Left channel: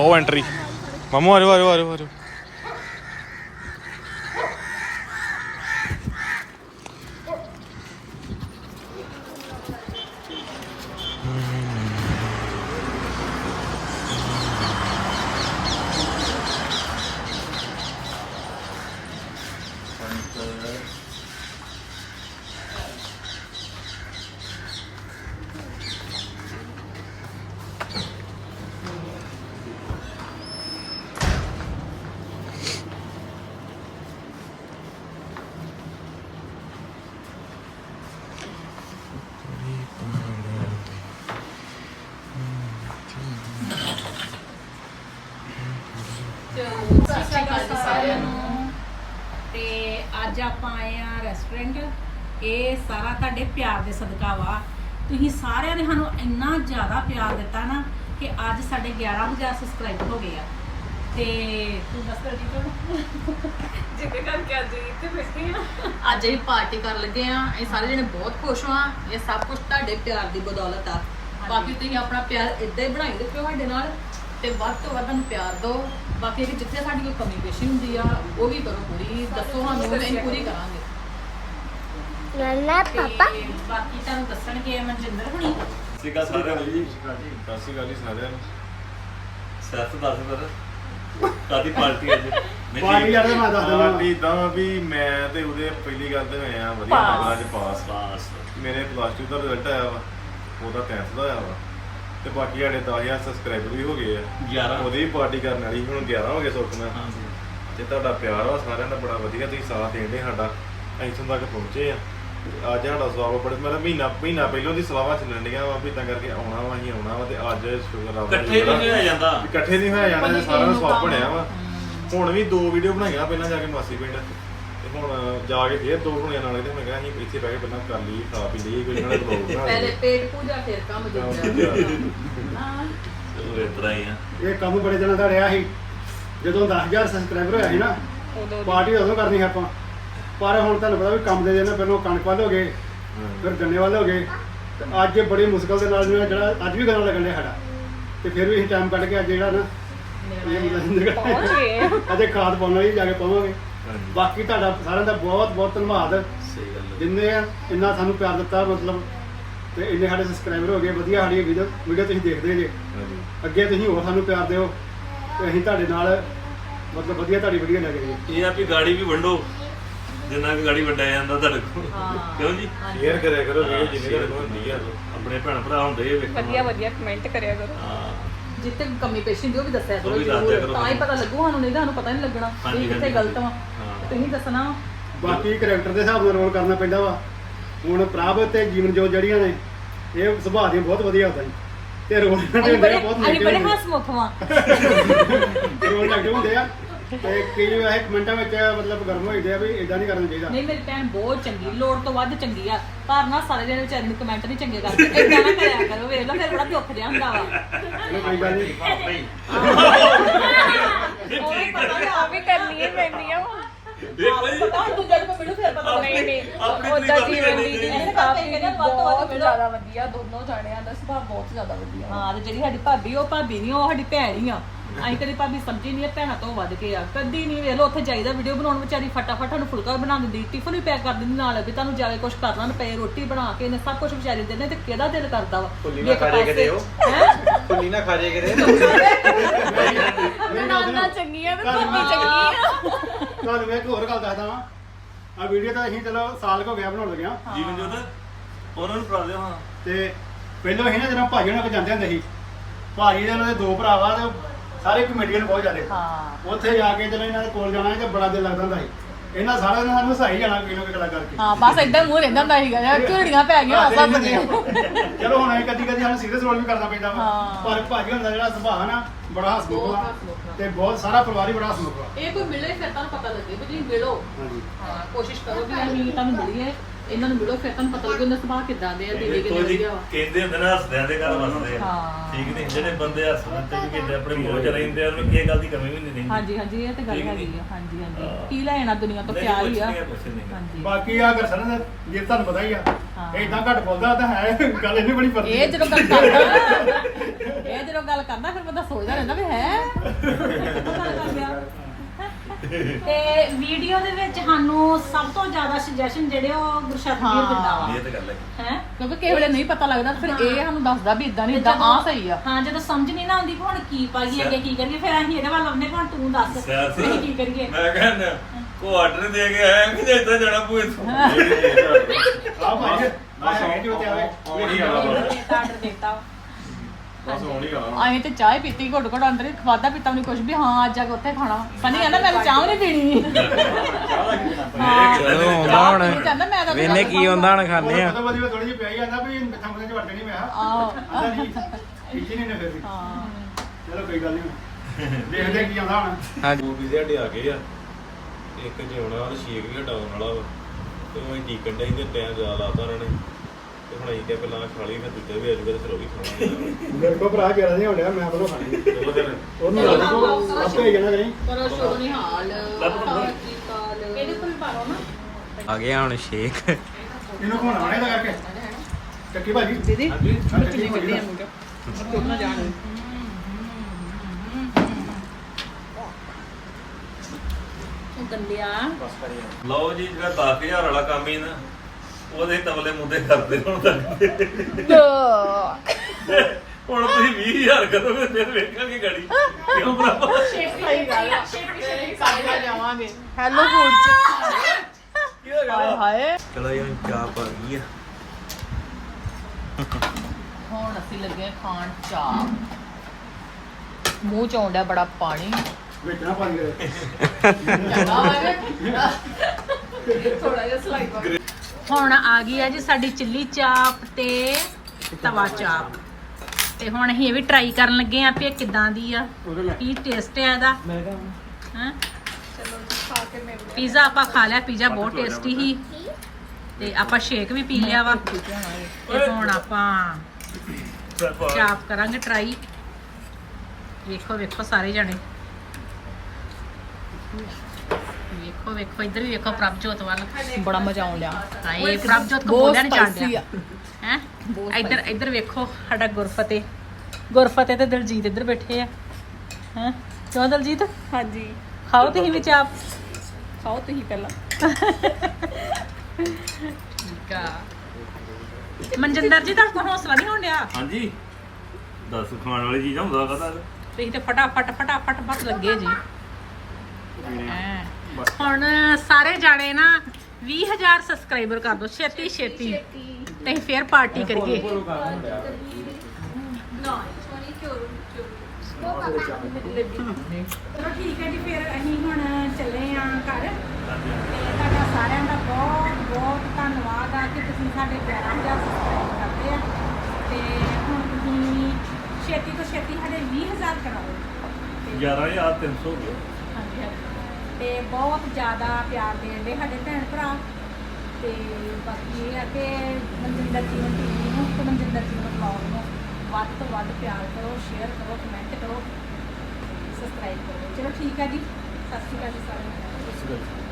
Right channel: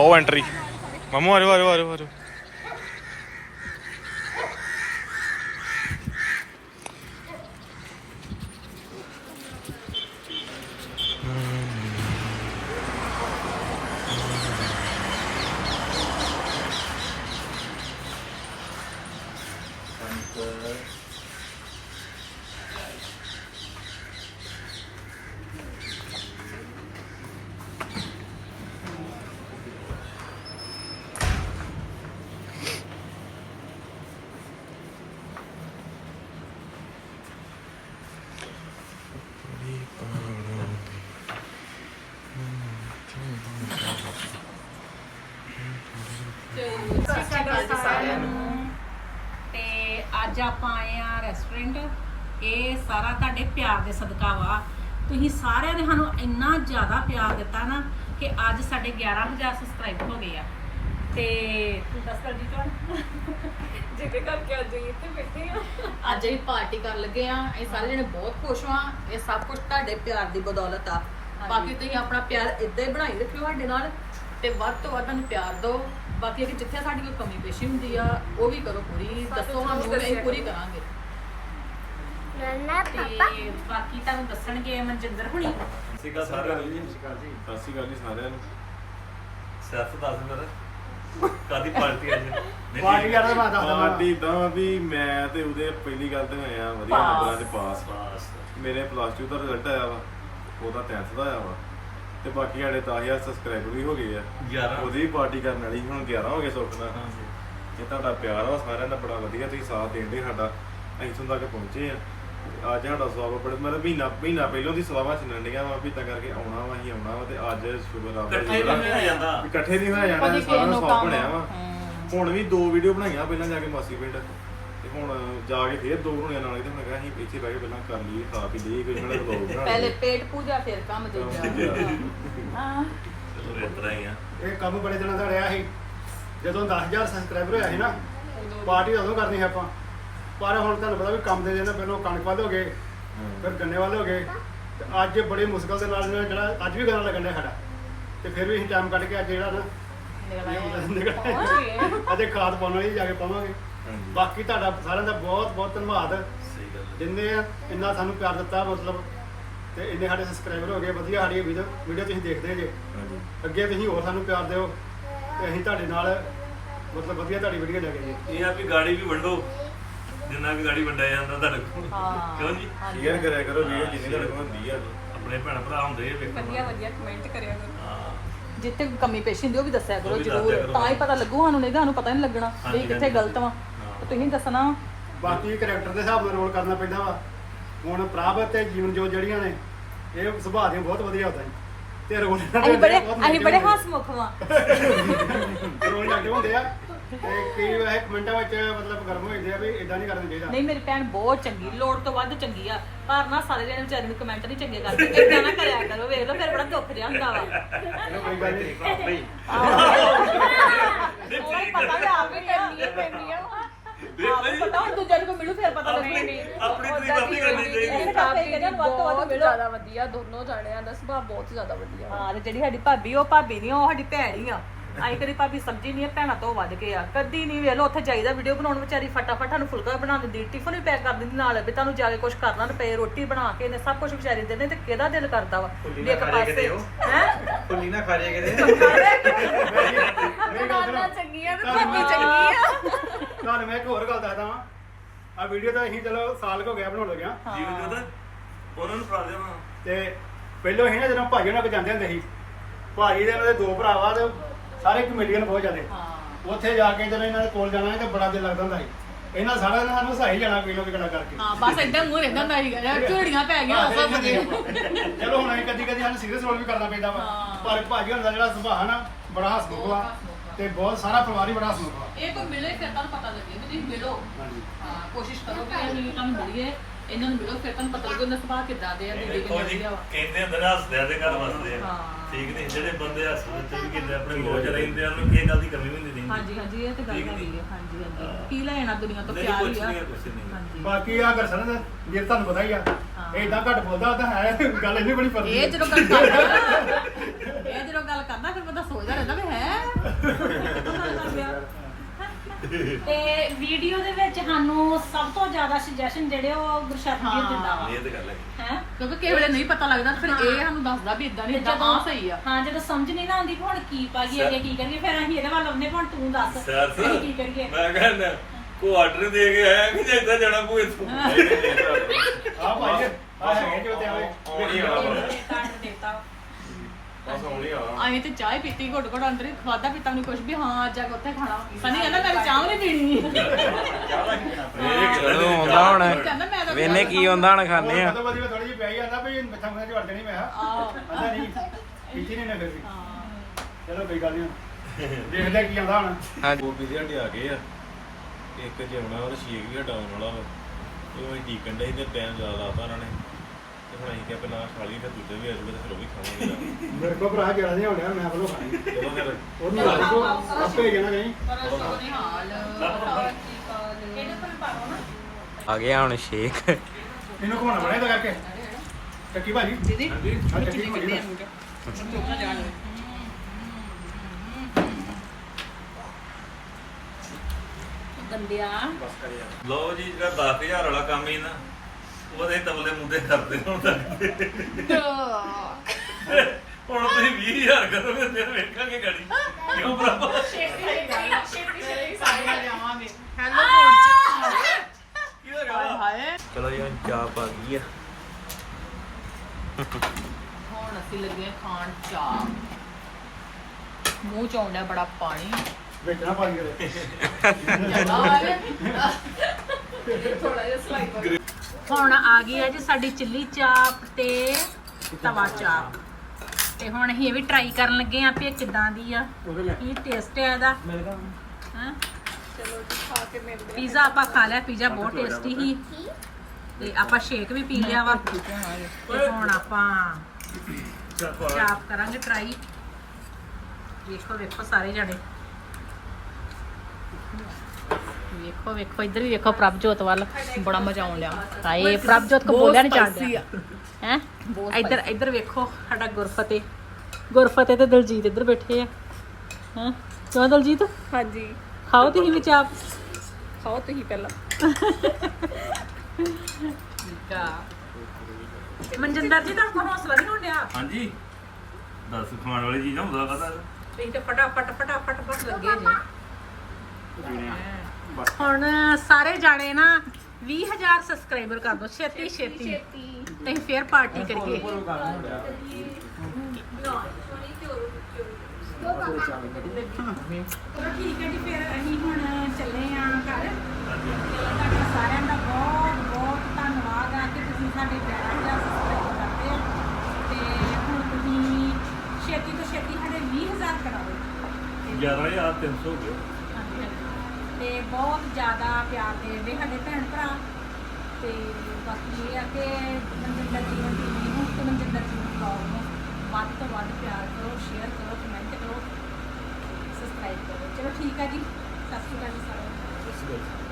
ഓ entry മമ്മ വരൂ വരൂ വരൂ വരൂ. ਸਤਿ ਸ਼੍ਰੀ ਅਕਾਲ ਜੀ ਸਾਰਿਆਂ ਨੂੰ ਤੇ ਅੱਜ ਆਪਾਂ ਆਏ ਆ ਰੈਸਟੋਰੈਂਟ ਇਹ ਸਾਰਾ ਤੁਹਾਡੇ ਪਿਆਰ ਦੇ ਸਦਕਾ ਵਾ। ਤੁਸੀਂ ਸਾਰਿਆਂ ਨੇ ਸਾਨੂੰ ਇੰਨਾ ਜ਼ਿਆਦਾ ਪਿਆਰ ਦਿੱਤਾ ਨਾ ਕਿ ਅੱਜ ਸਾਡੇ 11000 ਸਬਸਕ੍ਰਾਈਬਰ ਹੋ ਗਏ ਆ। ਤੇ ਤੂੰ ਦੱਸ ਕਰ ਜੀ ਤੁਹਾਨੂੰ ਜਿਹਦੇ ਕਰਕੇ ਅੱਜ ਇੱਥੇ ਬੈਠੇ ਆ ਅੱਜ ਅਸੀਂ ਪਾਰਟੀ ਕਰਨ ਲੱਗੇ ਆ ਇਹ ਸਾਰੇ ਜਣੇ ਬਹੁਤ ਖੁਸ਼ ਹਾਂ ਇਹ ਸਭ ਕੁਝ ਤੁਹਾਡੇ ਪਿਆਰ ਦੀ ਬਦੌਲਤ ਆ। ਬਾਕੀ ਤੁਸੀਂ ਆਪਣਾ ਪਿਆਰ ਇਦਾਂ ਹੀ ਬਣਾਈ ਰੱਖਿਓ ਸਾਡੇ ਨਾਲ ਤੇ ਵੱਧ ਤੋਂ ਵੱਧ ਪਿਆਰ ਦਿਓ। ਬਾਕੀ ਕਿ ਜਿੱਥੇ ਸਾਡੀ ਕੋਈ ਕਮੀ ਪੇਸ਼ੀ ਹੁੰਦੀ ਆ ਉਹ ਵੀ ਕਰੋ ਪੂਰੀ ਦੱਸੋ ਸਾਨੂੰ ਅਸੀਂ ਪੂਰੀ ਕਰਾਂਗੇ। ਨਾਨਾ ਤੇ ਪਾਪਾ। ਬਾਕੀ ਤੁਹਾਨੂੰ ਦੱਸਣਗੇ ਮਨਜਿੰਦਰ ਹੁਣੀ। ਸਿਕਾ ਸਾਰਿਆਂ ਨੂੰ। ਜੀ। ਸਤਿ ਸ਼੍ਰੀ ਅਕਾਲ ਜੀ ਸਾਰਿਆਂ ਨੂੰ। ਸਿਆਸਤ ਦੱਸ ਫਿਰ। ਕਾਦੀ ਪਾਰਟੀ ਅੱਜ ਨਹੀਂ ਪਾਰਟੀ ਯਾਰ ਮੈਂ ਦੱਸ ਦਿੰਦਾ। ਪਾਰਟੀ ਤਾਂ ਵੀ ਮੈਂ ਤੇ ਉਹਦੇ ਪਹਿਲੀ ਗੱਲ ਤੇ ਹੋਇਆ ਵਧੀਆ ਪਾਸ। ਨੰਬਰਾਂ 'ਚ ਪਾਸ ਬਸ ਮੇਰੇ ਪਲੱਸ 2 ਦਾ ਰਿਜ਼ਲਟ ਆਇਆ ਵਾ। ਉਹਦਾ 10th ਦਾ ਆਇਆ ਵਾ। ਤੇ ਬਾਕੀ ਸਾਡੇ 10000 ਸਬਸਕ੍ਰਾਈਬਰ ਵੀ ਹੋ ਗਏ ਆ। 11 ਉਹਦੀ ਵੀ ਪਾਰਟੀ ਕਰਨ ਵਾਲੀ ਹੁਣ 11 ਹੋ ਗਏ ਸੁੱਖ ਨਾਲ। ਤੇ ਤੁਹਾਡਾ ਪਿਆਰ ਵਾ ਸਾਰਿਆਂ ਨਾਲ ਬੜਾ ਵਧੀਆ ਤੁਸੀਂ ਸਾਥ ਦੇਂਦੇ ਸਾਡਾ। ਅਸੀਂ ਇੱਥੋਂ ਤੱਕ ਪਹੁੰਚੇ ਆ। ਤੇ ਅੱਜ ਸਾਡਾ ਸਵਾਗਤ ਬੜਾ ਮਤਲਬ ਮਹੀਨਾ ਮਹੀਨਾ ਪਹਿਲਾਂ ਦੀ ਸਲਾਹਾਂ ਚੱਲਣ ਡੀਆਂ ਵਾ ਵੀ ਤਾਂ ਕਰਕੇ ਆਉਣਾ ਵਾ ਅਸੀਂ ਆਉਣਾ ਵਾ ਤੇ ਅੱਜ ਸ਼ੁਕਰ ਆ ਇਕੱਠੇ ਵੀ ਨਹੀਂ ਹੋਇਆ ਜਾਂਦਾ। ਇਕੱਠੇ ਨਹੀਂ ਹੋਇਆ ਜਾਣਾ ਸਾਰਿਆਂ ਨੂੰ ਸਵਾਬ ਬਣਿਆ ਵਾ। ਹੁਣ ਵੀ ਦੋ ਵੀਡੀਓ ਬਣਾਈਆਂ ਪਹਿਲਾਂ ਜਾ ਕੇ ਮਾਸੀ ਪਿੰਡ। ਤੇ ਹੁਣ ਜਾ ਕੇ ਫੇਰ ਦੋ ਬਣਾਈਆਂ ਨਾਲੇ ਤੇ ਮੈਂ ਕਿਹਾ ਅਸੀਂ ਇੱਥੇ ਬਹਿ ਕੇ ਪਹਿਲਾਂ ਕਰ ਲਈਏ ਖਾ ਪੀ ਲਈਏ ਫਿਰ ਇਹਨਾਂ ਨੇ ਬਲੌਗ ਬਣਾ ਪਹਿਲੇ ਲਈਏ। ਪੇਟ ਪੂਜਾ ਫਿਰ ਕੰਮ ਜੋ ਚਲੋ ਇਸ ਤਰ੍ਹਾਂ ਹੀ ਆ। ਇਹ ਕੰਮ ਬੜੇ ਦਿਨਾਂ ਦਾ ਰਿਹਾ ਸੀ। ਜਦੋਂ 10000 ਸਬਸਕ੍ਰਾਈਬਰ ਹੋਇਆ ਸੀ ਨਾ ਪਾਰਟੀ ਉਦੋਂ ਕਰਨੀ ਸੀ ਆਪਾਂ। ਪਰ ਹੁਣ ਤੁਹਾਨੂੰ ਪਤਾ ਵੀ ਕੰਮ ਦੇ ਦਿਨ ਪਹਿਲਾਂ ਕਣਕ ਵੱਲ ਹੋ ਗਏ ਫਿਰ ਗੰਨੇ ਵੱਲ ਹੋ ਗਏ। ਤੇ ਅੱਜ ਬੜੀ ਮੁਸ਼ਕਲ ਦੇ ਨਾਲ ਜਿਹੜਾ- ਜਿਹੜਾ ਅੱਜ ਵੀ ਗੰਨਾ ਲੱਗਣ ਡਿਆ ਸਾਡਾ। ਤੇ ਫਿਰ ਵੀ ਅਸੀਂ ਟਾਈਮ ਕੱਢ ਕੇ ਅੱਜ ਜਿਹੜਾ ਨਾ ਇਹ ਅਜੇ ਖਾਦ ਪਾਉਣ ਵਾਲੀ ਜਾ ਕੇ ਪਾਵਾਂਗੇ। ਹਾਂਜੀ। ਬਾਕੀ ਤੁਹਾਡਾ ਸਾਰਿਆਂ ਦਾ ਬਹੁਤ ਬਹੁਤ ਧੰਨਵਾਦ। ਸਹੀ ਗੱਲ ਜਿੰਨੇ ਆ ਇੰਨਾ ਸਾਨੂੰ ਪਿਆਰ ਦਿੱਤਾ ਮਤਲਬ ਤੇ ਇੰਨੇ ਸਾਡੇ ਸਬਸਕ੍ਰਾਈਬਰ ਹੋ ਗਏ ਵਧੀਆ ਸਾਡੀ ਵੀਡੀਓ ਵੀਡੀਓ ਤੁਸੀਂ ਦੇਖਦੇ ਜੇ। ਹਾਂਜੀ। ਅੱਗੇ ਤੁਸੀਂ ਹੋਰ ਸਾਨੂੰ ਪਿਆਰ ਦਿਓ ਤੇ ਅਸੀਂ ਤੁਹਾਡੇ ਨਾਲ ਮਤਲਬ ਵਧੀਆ ਤੁਹਾਡੀ ਵੀਡੀਓ ਲੈ ਕੇ ਆਈਏ ਇਹ ਆ ਵੀ ਗਾੜੀ ਵੀ ਵੰਡੋ। ਜਿੰਨਾ ਕਿ ਗਾੜੀ ਵੰਡਿਆ ਜਾਂਦਾ ਤੁਹਾਡੇ ਕੋਲ। ਕਿਉਂ ਜੀ? ਸ਼ੇਅਰ ਕਰਿਆ ਕਰੋ ਵੀਡੀਓ ਜਿੰਨੀ ਤੁਹਾਡੇ ਕੋਲ ਹੁੰਦੀ ਆ। ਆਪਣੇ ਭੈਣ ਭਰਾ ਹੁੰਦੇ ਇਹ ਵੇਖਣ ਵਧੀਆ ਵਾਲੇ। ਵਧੀਆ ਕਮੈਂਟ ਕਰਿਆ ਕਰੋ। ਹਾਂ। ਜਿੱਥੇ ਕਮੀ ਪੇਸ਼ੀ ਹੁੰਦੀ ਉਹ ਵੀ ਦੱਸਿਆ ਉਹ ਕਰੋ ਵੀ ਕਰੋ। ਤਾਂ ਹੀ ਪਤਾ ਲੱਗੂ ਸਾਨੂੰ ਨਹੀਂ ਤਾਂ ਸਾਨੂੰ ਪਤਾ ਨਹੀਂ ਲੱਗਣਾ ਹਾਂਜੀ, ਵੀ ਕਿੱਥੇ ਹਾਂਜੀ, ਗਲਤ ਵਾ ਹਾਂ। ਤੁਸੀਂ ਦੱਸਣਾ। ਬਾਕੀ ਕਰੈਕਟਰ ਦੇ ਹਿਸਾਬ ਨਾਲ ਰੋਲ ਕਰਨਾ ਪੈਂਦਾ ਵਾ। ਹੁਣ ਪ੍ਰਭ ਤੇ ਜੀਵਨ ਜੋਤ ਜਿਹੜੀਆਂ ਨੇ ਇਹ ਸੁਭਾਅ ਦੀਆਂ ਬਹੁਤ ਵਧੀਆ ਹੁੰਦੀਆਂ ਨੇ। ਤੇ ਰੋਲ ਅਸੀਂ ਬੜੇ ਅਸੀਂ ਬੜੇ ਹਸਮੁਖ ਵਾਂ। ਰੋਲ ਲੱਗਦੇ ਹੁੰਦੇ ਆ। ਤੇ ਕਈ ਵਾਰ ਕਮੈਂਟਾਂ ਵਿੱਚ ਮਤਲਬ ਗਰਮ ਹੋ ਜਾਂਦੇ ਆ ਵੀ ਇਦਾਂ ਨਹੀਂ ਕਰਨਾ ਚਾਹੀਦਾ। ਨਹੀਂ ਮੇਰੀ ਭੈਣ ਬਹੁਤ ਚੰਗੀ ਲੋੜ ਤੋਂ ਵੱਧ ਚੰਗੀ ਆ। ਪਰ ਨਾ ਸਾਰੇ ਜਣੇ ਵਿਚਾਰੇ ਨੂੰ ਕਮੈਂਟ ਨਹੀਂ ਚੰਗੇ ਕਰਦੇ। ਏਦਾਂ ਨਾ ਕਰਿਆ ਕਰੋ ਵੇਖ ਲਓ ਫਿਰ ਬੜਾ ਦੁੱਖ ਜਿਹਾ ਹੁੰਦਾ ਵਾ। ਚਲੋ ਕੋਈ ਗੱਲ ਨਹੀਂ। ਆ ਵੀ ਕਰਨੀ ਦੇਖੋ ਜੀ ਹੁਣ ਦੂਜੇ ਨੂੰ ਮਿਲੂ ਫਿਰ ਪਤਾ ਨਹੀਂ ਨਹੀਂ ਆਪਣੀ ਤਰੀਫ ਆਪਣੀ ਕਰਨੀ ਚਾਹੀਦੀ ਕਾਫੀ ਬਹੁਤ ਜ਼ਿਆਦਾ ਵਧੀਆ ਦੋਨੋਂ ਜਾਣਿਆਂ ਦਾ ਸੁਭਾਅ ਬਹੁਤ ਜ਼ਿਆਦਾ ਵਧੀਆ ਵਾ। ਹਾਂ ਤੇ ਜਿਹੜੀ ਸਾਡੀ ਭਾਬੀ ਉਹ ਭਾਬੀ ਨਹੀਂ ਉਹ ਸਾਡੀ ਭੈਣ ਹੀ ਆ। ਅਸੀਂ ਕਦੀ ਭਾਬੀ ਸਮਝੀ ਨਹੀਂ ਆ ਭੈਣਾਂ ਤੋਂ ਵੱਧ ਕੇ ਆ। ਕਦੀ ਨਹੀਂ ਵੇਖ ਲਓ ਉੱਥੇ ਜਾਈਦਾ ਵੀਡੀਓ ਬਣਾਉਣ ਵਿਚਾਰੀ ਫਟਾਫਟ ਸਾਨੂੰ ਫੁਲਕਾ ਬਣਾ ਦਿੰਦੀ ਟਿਫਨ ਵੀ ਪੈਕ ਕਰ ਦਿੰਦੀ ਨਾਲ ਵੀ ਤੁਹਾਨੂੰ ਜਾ ਕੇ ਕੁਝ ਕਰਨਾ ਨਾ ਪਏ ਰੋਟੀ ਬਣਾ ਕੇ ਇਹਨੇ ਸਭ ਕੁਝ ਵਿਚਾਰੀ ਦਿੰਦੇ ਤੇ ਕਿਹਦਾ ਦਿਲ ਕਰਦਾ ਵਾ? ਵੀ ਇੱਕ ਪਾਸੇ ਹੈ? ਫੁੱਲੀ ਨਾ ਖਾ ਜੇ ਕਿਤੇ। ਗੱਲ ਸੁਣੋ ਚੰਗੀਆਂ ਤੇ ਭਾਬੀ ਚੰਗੀ ਆ। ਤੁਹਾਨੂੰ ਮੈਂ ਇੱਕ ਹੋਰ ਗੱਲ ਦੱਸਦਾ ਵਾਂ। ਆ ਵੀਡੀਓ ਤਾਂ ਅਸੀਂ ਚਲੋ ਸਾਲ ਕੁ ਗਿਆ ਬਣਾਉਣ ਲੱਗਿਆ। ਜੀਵਨ ਜੋਤ ਉਹਨਾਂ ਨੂੰ ਪੜਾ ਦਿਓ ਹਾਂ। ਤੇ ਪਹਿਲਾਂ ਅਸੀਂ ਨਾ ਜਦੋਂ ਭਾਜੀ ਨਾਲ ਜਾਂਦੇ ਹੁੰਦੇ ਸੀ ਭਾਜੀ ਦੇ ਉਹਨਾਂ ਦੇ ਦੋ ਭਰਾ ਵਾ ਤੇ ਸਾਰੇ ਕਮੇਡੀਅਨ ਬਹੁਤ ਜ਼ਿਆਦੇ। ਹਾਂ। ਉੱਥੇ ਜਾ ਕੇ ਜਦੋਂ ਇਹਨਾਂ ਦੇ ਕੋਲ ਜਾਣਾ ਤੇ ਬੜਾ ਦਿਲ ਲੱਗਦਾ ਹੁੰਦਾ ਸੀ। ਇਹਨਾਂ ਸਾਰਾ ਦਿਨ ਸਾਨੂੰ ਹਸਾਈ ਜਾਣਾ ਕੋਈ ਲੋਕ ਗੱਲਾਂ ਕਰਕੇ। ਹਾਂ ਬਸ ਇਦਾਂ ਮੂੰਹ ਰਹਿੰਦਾ ਹੁੰਦਾ ਸੀਗਾ ਯਾਰ ਝੋੜੀਆਂ ਪੈ ਗਈਆਂ ਸਭ ਦੀਆਂ ਚਲੋ ਹੁਣ ਅਸੀਂ ਕਦੀ ਕਦੀ ਸਾਨੂੰ ਸੀਰੀਅਸ ਰੋਲ ਵੀ ਕਰਨਾ ਪੈਂਦਾ ਵਾ। ਹਾਂ। ਪਰ ਭਾਜੀ ਹੁੰਦਾ ਜਿਹੜਾ ਸੁਭਾਅ ਨਾ ਬੜਾ ਹਸਮੁਖ ਵਾ। ਤੇ ਬਹੁਤ ਸਾਰਾ ਪਰਿਵਾਰ ਹੀ ਬੜਾ ਹਸਮੁਖ ਵਾ। ਇਹ ਕੋਈ ਮਿਲੇ ਫਿਰ ਤੁਹਾਨੂੰ ਪਤਾ ਲੱਗੇ ਵੀ ਤੁਸੀਂ ਮਿਲੋ। ਹਾਂਜੀ। ਹਾਂ ਕੋਸ਼ਿਸ਼ ਕਰੋ ਵੀ ਅਸੀਂ ਤੁਹਾਨੂੰ ਮਿਲੀਏ ਇਹਨਾਂ ਨੂੰ ਮਿਲੋ ਫਿਰ ਤੁਹਾਨੂੰ ਪਤਾ ਲੱਗੇ ਉਹਨਾਂ ਸੁਭਾਅ ਕਿੱਦਾਂ ਦੇ ਆ ਦੀਦੀ ਦੇਖੋ ਕਿੱਦਾਂ ਜੀ ਦੇ ਆ। ਕਹਿੰਦੇ ਹੁੰਦੇ ਨਾ ਹੱਸਦਿਆਂ ਦੇ ਘਰ ਵਸਦੇ ਆ। ਹਾਂ। ਠੀਕ ਨਹੀਂ ਜਿਹੜੇ ਬੰਦੇ ਹੱਸਦੇ ਤੇ ਵੀ ਕਹਿੰਦੇ ਆਪਣੇ ਮੋਜ ਰਹਿੰਦੇ ਆ ਉਹਨੂੰ ਕੀ ਗੱਲ ਦੀ ਕਮੀ ਵੀ ਨਹੀਂ ਰਹਿੰਦੀ। ਹਾਂਜੀ ਹਾਂਜੀ ਇਹ ਤੇ ਗੱਲ ਠੀਕ ਹੈਗੀ? ਹੈ ਹਾਂਜੀ ਹਾਂਜੀ। ਕੀ ਲੈਣਾ ਦੁਨੀਆ ਤੋਂ ਨਹੀਂ, ਪਿਆਰ ਕੁਛ ਹੀ ਆ। ਨਹੀਂ ਹੈ, ਕੁਛ ਨਹੀਂ। ਹੈ। ਹਾਂਜੀ। ਬਾਕੀ ਆ ਗਰਸਨ ਦਾ ਜੇ ਤੁਹਾਨੂੰ ਪਤਾ ਹੀ ਆ ਇਦਾਂ ਘੱਟ ਬੋਲਦਾ ਤਾਂ ਹੈ ਗੱਲ ਇੰਨੀ ਬੜੀ ਪਰਦੀ ਇਹ ਜਦੋਂ ਗੱਲ ਕਰਦਾ ਇਹ ਜਦੋਂ ਗੱਲ ਕਰਦਾ ਫਿਰ ਬੰਦਾ ਸੋਚਦਾ ਰਹਿੰਦਾ ਵੀ ਹੈ। ਤੇ ਵੀਡੀਓ ਦੇ ਵਿੱਚ ਸਾਨੂੰ ਸਭ ਤੋਂ ਜ਼ਿਆਦਾ ਸੁਜੈਸ਼ਨ ਜਿਹੜੇ ਉਹ ਗੁਰਸ਼ਰਨ ਵੀਰ ਦਿੰਦਾ ਵਾ। ਇਹ ਤਾਂ ਗੱਲ ਹੈ। ਹੈ? ਕਿਉਂਕਿ ਕਿਸੇ ਵੇਲੇ ਨਹੀਂ ਪਤਾ ਲੱਗਦਾ ਫਿਰ ਇਹ ਸਾਨੂੰ ਦੱਸਦਾ ਵੀ ਇਦਾਂ ਨਹੀਂ ਇਦਾਂ ਆ ਸਹੀ ਆ। ਹਾਂ ਜਦੋਂ ਸਮਝ ਨਹੀਂ ਨਾ ਆਉਂਦੀ ਵੀ ਹੁਣ ਕੀ ਪਾਈਏ ਅੱਗੇ ਕੀ ਕਰੀਏ ਫਿਰ ਅਸੀਂ ਇਹਦੇ ਵੱਲ ਆਉਂਦੇ ਹੁਣ ਤੂੰ ਦੱਸ ਅਸੀਂ ਕੀ ਕਰੀਏ? ਮੈਂ ਕਹਿੰਦਾ ਕੋ ਆਰਡਰ ਦੇ ਕੇ ਆਇਆ ਕਿ ਇੱਦਾਂ ਜਾਣਾ ਪਊ ਇੱਥੋਂ। ਅਸੀਂ ਤੇ ਚਾਹ ਹੀ ਪੀਤੀ ਘੁੱਟ ਘੁੱਟ ਅੰਦਰ ਹੀ ਖਵਾਦਾ ਪੀਤਾ ਨਹੀਂ ਕੁਝ ਵੀ ਹਾਂ ਅੱਜ ਜਾ ਕੇ ਉੱਥੇ ਖਾਣਾ। ਸਨੀ ਕਹਿੰਦਾ ਮੈਂ ਤਾਂ ਚਾਹ ਨਹੀਂ ਪੀਣੀ ਚਲੋ ਆਉਂਦਾ ਹੁਣ। ਕਹਿੰਦਾ ਮੈਂ ਤਾਂ ਵੇਨੇ ਕੀ ਆਉਂਦਾ ਹੁਣ ਖਾਣੇ ਆ। ਬਹੁਤ ਵਧੀਆ ਥੋੜੀ ਜਿਹੀ ਪਿਆਈ ਜਾਂਦਾ ਵੀ ਮਿੱਠਾ ਮੁੱਠਾ ਜਿਹਾ ਵਰਤ ਨਹੀਂ ਮੈਂ। ਆਹੋ। ਅਸਾਂ ਨਹੀਂ ਇੱਥੇ ਨਹੀਂ ਨਾ ਫਿਰ ਚਲੋ ਕੋਈ ਗੱਲ ਨਹੀਂ। ਦੇਖਦੇ ਕੀ ਆਉਂਦਾ ਹੁਣ। ਹਾਂਜੀ। ਗੋਭੀ ਦੇ ਹਟੇ ਆ ਗਏ ਆ। ਇੱਕ ਜੇ ਆਉਣਾ ਉਹ ਸ਼ੇਕ ਵੀ ਹਟਾਉਣ ਵਾਲਾ ਵਾ। ਤੇ ਮੈਂ ਡੀਕਨ ਡੇ ਤੇ ਟਾਈਮ ਜ਼ਿਆਦਾ ਲਾਤਾ ਉਹਨਾਂ ਨੇ। ਤੇ ਹੁਣ ਅਸੀਂ ਤੇ ਪਹਿਲਾਂ ਖਾ ਲਈ ਫਿਰ ਦੂਜੇ ਵੀ ਅਜੂਗਾ ਤੇ ਫਿਰ ਉਹ ਵੀ ਖਾਵਾਂਗੇ। ਮੇਰੇ ਕੋ ਭਰਾ ਗਿਆਰਾਂ ਨਹੀਂ ਹੋਣਿਆ ਮੈਂ ਬੋਲੋ ਖਾਣੀ। ਉਹ ਦਿਨ ਉਹਨੂੰ ਲੱਗ ਕੋ ਆਪੇ ਹੀ ਕਹਿਣਾ ਨਹੀਂ। ਪਰ ਸ਼ੁਭ ਨਹੀਂ ਹਾਲ ਇਹਦੇ ਕੋਲ। ਪਾ ਲਓ ਨਾ? ਆ ਗਿਆ ਹੁਣ ਸ਼ੇਕ। ਇਹਨੂੰ ਘੁਮਾਉਣਾ ਬਣੇ ਲਗਾ ਕੇ ਕੱਕੀ ਭਾਜੀ? ਦੀਦੀ ਹਾਂ ਕੱਕੀ ਭਾਜੀ ਦਾ। ਉਹ ਗੰਡਿਆ। ਲਓ ਜੀ ਜਿਹੜਾ 10000 ਵਾਲਾ ਕੰਮ ਹੀ ਨਾ। ਉਹਦੇ ਤਬਲੇ ਮੁੰਡੇ ਕਰਦੇ ਹੁਣ ਤੱਕ ਹੁਣ ਤੁਸੀਂ 20000 ਕਰੋਗੇ ਫਿਰ ਵੇਖਾਂਗੇ ਗਾੜੀ। ਕਿਉਂ ਭਰਾਵਾ? ਸਾਡੀਆਂ ਜਾਵਾਂਗੇ ਹੈਲੋ ਫੂਡ ਚ ਹਾਏ। ਚਲੋ ਜੀ ਹੁਣ ਚਾਹ ਪਾ ਗਈ ਆ ਹੁਣ ਅਸੀਂ ਲੱਗੇ ਖਾਣ ਚਾਹ। ਮੂੰਹ ਚ ਆਉਂਦਾ ਬੜਾ ਪਾਣੀ। ਵਿੱਚ ਨਾ ਭਾਜੀ ਰਹੇ ਹੁਣ ਆ ਗਈ ਹੈ ਜੀ ਸਾਡੀ ਚਿੱਲੀ ਚਾਪ ਤੇ ਤਵਾ ਚਾਪ। ਤੇ ਹੁਣ ਅਸੀਂ ਇਹ ਵੀ ਟਰਾਈ ਕਰਨ ਲੱਗੇ ਆਂ ਵੀ ਇਹ ਕਿਦਾਂ ਦੀ ਆ ਕੀ ਟੇਸਟ ਹੈ ਇਹਦਾ। ਹਾਂ? ਪੀਜ਼ਾ ਆਪਾਂ ਖਾ ਲਿਆ ਪੀਜ਼ਾ ਬਹੁਤ ਟੇਸਟੀ ਸੀ। ਤੇ ਆਪਾਂ ਸ਼ੇਕ ਵੀ ਪੀ ਲਿਆ ਵਾ। ਤੇ ਹੁਣ ਆਪਾਂ ਚਾਪ ਕਰਾਂਗੇ ਟਰਾਈ ਵੇਖੋ ਵੇਖੋ ਸਾਰੇ ਜਣੇ। ਵੇਖੋ ਵੇਖੋ ਇੱਧਰ ਵੀ ਵੇਖੋ ਪ੍ਰਭਜੋਤ ਵੱਲ ਬੜਾ ਮਜ਼ਾ ਆਉਣ ਲਿਆ ਹਾਏ ਪ੍ਰਭਜੋਤ ਕੋ ਬੋਲਿਆ ਨਹੀਂ ਜਾਂਦੇ। ਹੈ? ਇੱਧਰ ਇੱਧਰ ਵੇਖੋ ਸਾਡਾ ਗੁਰਫਤਿਹ। ਗੁਰਫਤਿਹ ਤੇ ਦਲਜੀਤ ਇੱਧਰ ਬੈਠੇ ਆ। ਹੈ? ਕਿਉਂ ਦਲਜੀਤ? ਹਾਂਜੀ। ਖਾਓ ਤੁਸੀਂ ਵੀ ਚਾਪ ਖਾਓ ਤੁਸੀਂ ਪਹਿਲਾਂ। ਠੀਕ ਆ। ਮਨਜਿੰਦਰ ਜੀ ਤੁਹਾਨੂੰ ਹੌਸਲਾ ਨਹੀਂ ਹੁੰਦਿਆ ਹਾਂਜੀ। ਦੱਸ ਖਾਣ ਵਾਲੀ ਚੀਜ਼ ਹੁੰਦਾ ਕਦਾ ਤੁਸੀਂ ਤੇ ਫਟਾਫਟ ਫਟਾਫਟ ਬਸ ਲੱਗੇ ਜੀ। ਹੈਂ। ਹੁਣ ਸਾਰੇ ਜਾਣੇ ਨਾ 20000 ਸਬਸਕ੍ਰਾਈਬਰ ਕਰ ਦਿਓ ਛੇਤੀ ਛੇਤੀ। ਤੇ ਫੇਰ ਪਾਰਟੀ ਕਰੀਏ। ਚਲੋ ਠੀਕ ਹੈ ਜੀ ਫਿਰ ਅਸੀਂ ਹੁਣ ਚੱਲੇ ਆਂ ਘਰ। ਤੁਹਾਡਾ ਸਾਰਿਆਂ ਦਾ ਬਹੁਤ ਬਹੁਤ ਧੰਨਵਾਦ ਆ ਕਿ ਤੁਸੀਂ ਸਾਡੇ 11000 ਸਬਸਕ੍ਰਾਈਬ ਕਰਦੇ ਆ। ਤੇ ਹੁਣ ਤੁਸੀਂ ਛੇਤੀ ਤੋਂ ਛੇਤੀ ਸਾਡੇ 20000 ਕਰਾਓ। ਤੇ 11300 ਹੋ ਗਏ। ਹਾਂਜੀ ਹਾਂਜੀ। ਤੇ ਬਹੁਤ ਜ਼ਿਆਦਾ ਪਿਆਰ ਦੇ ਰਹੇ ਸਾਡੇ ਭੈਣ ਭਰਾ। ਤੇ ਬਾਕੀ ਇਹ ਆ ਕਿ ਮਨਜਿੰਦਰ ਜੀਵਨ ਟੀਵੀ ਨੂੰ ਤੇ ਮਨਜਿੰਦਰ ਜੀਵਨ ਬਲੌਗ ਨੂੰ ਵੱਧ ਤੋਂ ਵੱਧ ਪਿਆਰ ਕਰੋ ਸ਼ੇਅਰ ਕਰੋ ਕਮੈਂਟ ਕਰੋ ਸਬਸਕ੍ਰਾਈਬ ਕਰੋ। ਚਲੋ ਠੀਕ ਆ ਜੀ। ਸਤਿ ਸ਼੍ਰੀ ਅਕਾਲ ਜੀ ਸਾਰਿਆਂ ਨੂੰ।